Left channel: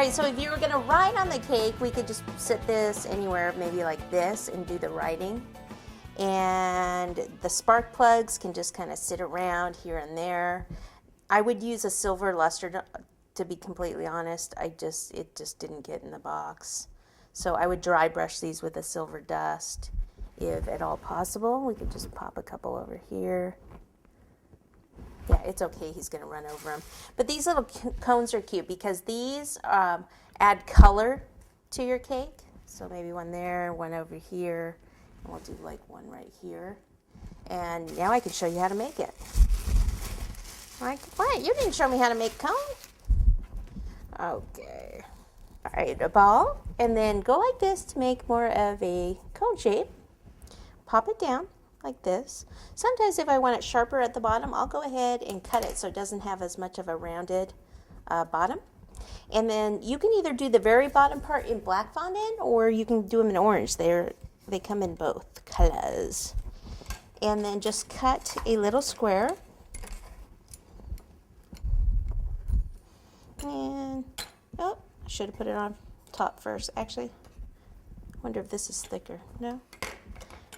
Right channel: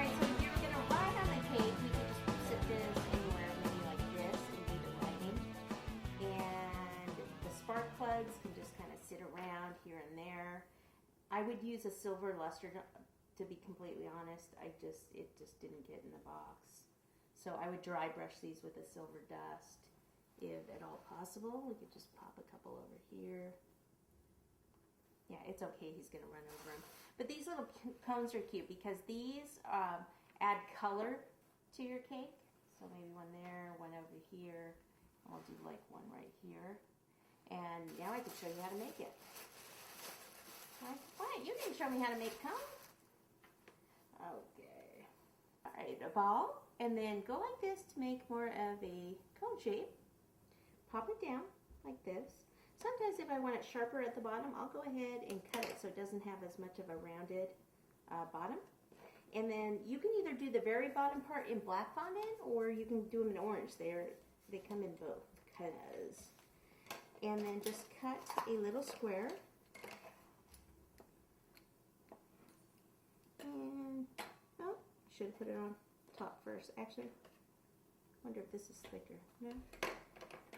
right, so if you were gonna write on the cake, we could just sit this anywhere, maybe like this, and do the writing. And the spark plugs can just kind of sit around here and there. I would use a silver luster to be completely honest. It just didn't get in the box. So I would dry brush these with a silver dust if at all possible. We could just pop a couple over here. Yeah, it's okay, he's gonna run over them. But these little cones are cute because these add color to your cake. So maybe one there, one over here, and we'll do like one right here. And now I can show you how to make it. Like, what? You didn't show me how to make a cone? Okay. All right, a ball, and then go like this to make more of a cone shape. Pop it down like this. Sometimes if I want it sharper at the bottom, I'll go ahead and cut it so it doesn't have as much of a rounded bottom. And then you can either do the very bottom part in black fondant or you can do them in orange. They come in both colors. And then just cut a little square. And, oh, I should have put it on top first. Actually, I wonder if this is thicker. No?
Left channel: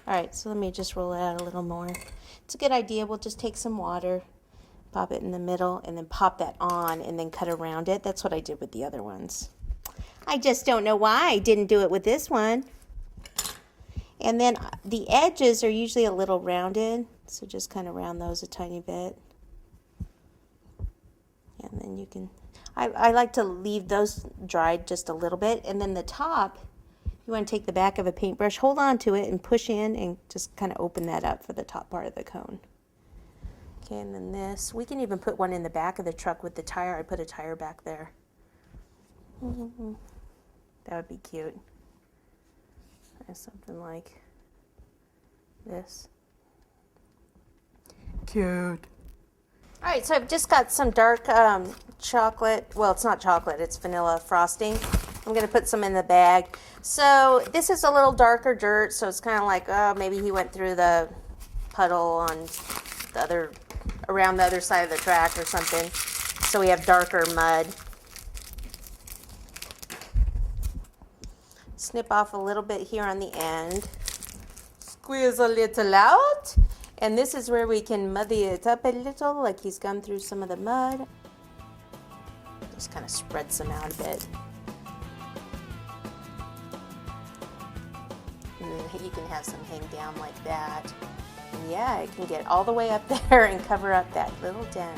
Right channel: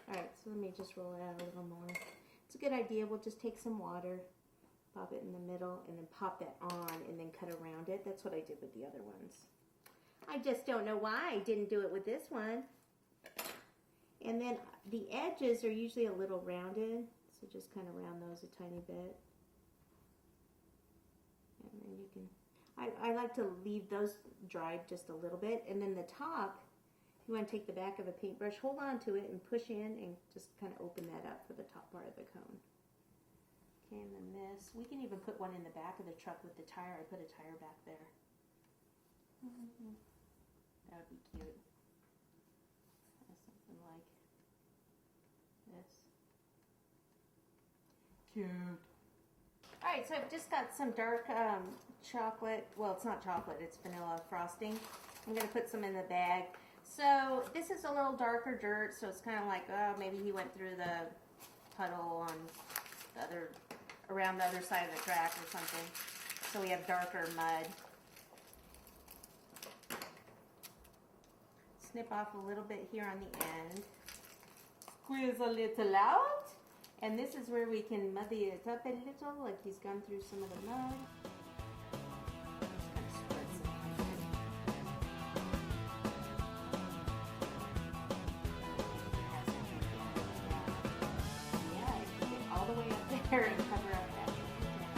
All right, so let me just roll it out a little more. It's a good idea. We'll just take some water, pop it in the middle, and then pop that on and then cut around it. That's what I did with the other ones. I just don't know why I didn't do it with this one. And then the edges are usually a little rounded, so just kind of round those a tiny bit. And then you can, I like to leave those dried just a little bit, and then the top, you want to take the back of a paintbrush, hold on to it, and push in and just kind of open that up for the top part of the cone. Okay, and then this, we can even put one in the back of the truck with the tire. I put a tire back there. That would be cute. Something like this. Cute. All right, so I've just got some dark chocolate. Well, it's not chocolate, it's vanilla frosting. I'm going to put some in the bag. So this is a little darker dirt, so it's kind of like, oh, maybe he went through the puddle on the other, around the other side of the track or something. So we have darker mud. Snip off a little bit here on the end. Squeeze a little out. And this is where we can muddy it up a little, like he's gone through some of the mud. Just kind of spread some out a bit. You can have some hang down like that. Yeah, it can get all the way up there and cover up that little dent.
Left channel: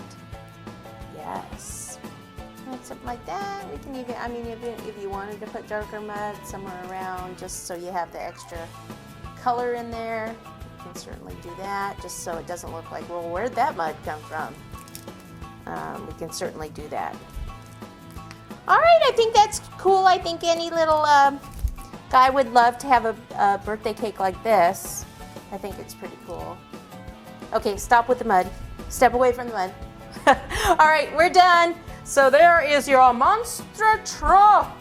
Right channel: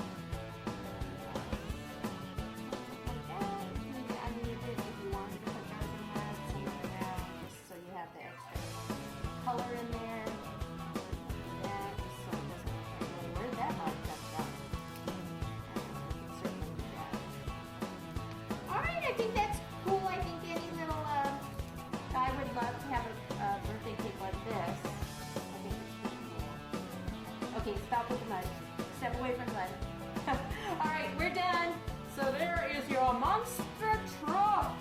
Yes. Something like that. We can even, I mean, if you wanted to put darker mud somewhere around, just so you have the extra color in there, you can certainly do that, just so it doesn't look like, well, where'd that mud come from? We can certainly do that. All right, I think that's cool. I think any little guy would love to have a birthday cake like this. I think it's pretty cool. Okay, stop with the mud. Step away from the mud. All right, we're done. So there is your monster truck.